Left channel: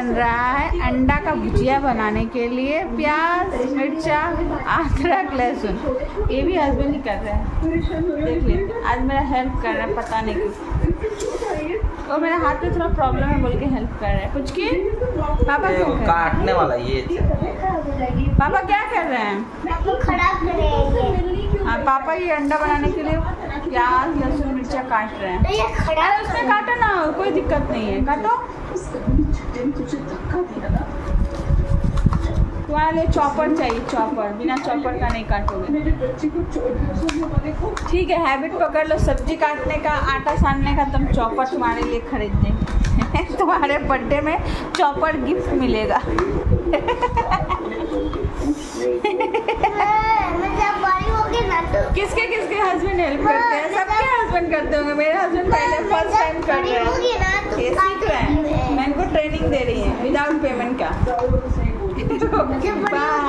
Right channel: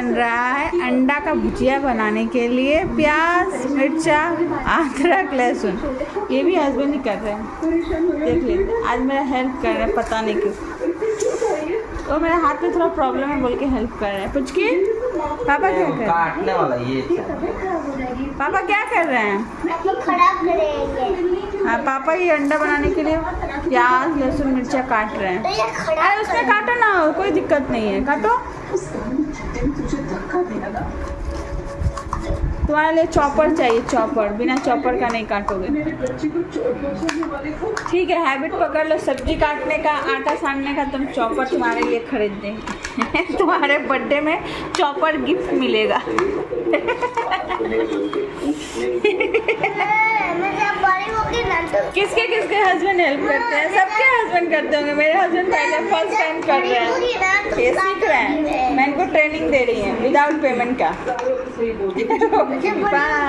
बन रहा है अंडा का भुजिया बनाने के लिए प्याज मिर्चा अदरक लहसुन। ये भी हस्बैंड ही कर रहे हैं, देख लीजिए। आज मेरा हेल्प कर रहे हैं, पता नहीं क्यों। तो मेरे हाथ में थोड़ा प्रॉब्लम है बोल के हेल्प कर रहे हैं। पुचकी पापा क्या कर रहे हैं? काटने वाला ये पापा क्या कर रहे हैं? खराब कर रहे हैं। हाँ, पापा ये अंडा बनाने के लिए प्याज लहसुन मिर्चा काट रहे हैं। तो ये खराब अरे उसमें काटो ना, कोई दिक्कत नहीं है, काटो। तुम्हारे लिए चॉपर चाहिए, चॉपर। बिना चॉपर का नहीं काटोगे। ठीक है, हैबिट पकड़ लो सब्जी काटने का, आटा सानने का। तुम चॉपर तुम्हारे लिए खरीद देंगे। तुम्हारे बर्थडे में चॉपर गिफ्ट मिलेगा। किसके किसके हस्बैंड हेल्प करते हैं? सबके हस्बैंड करते होंगे। मेरे हस्बैंड पहले फर्स्ट टाइम कर रहे हैं, ये सीख रहे हैं। मैं इनको ट्रेनिंग दे रही हूँ विदाउट पेमेंट का। बाय।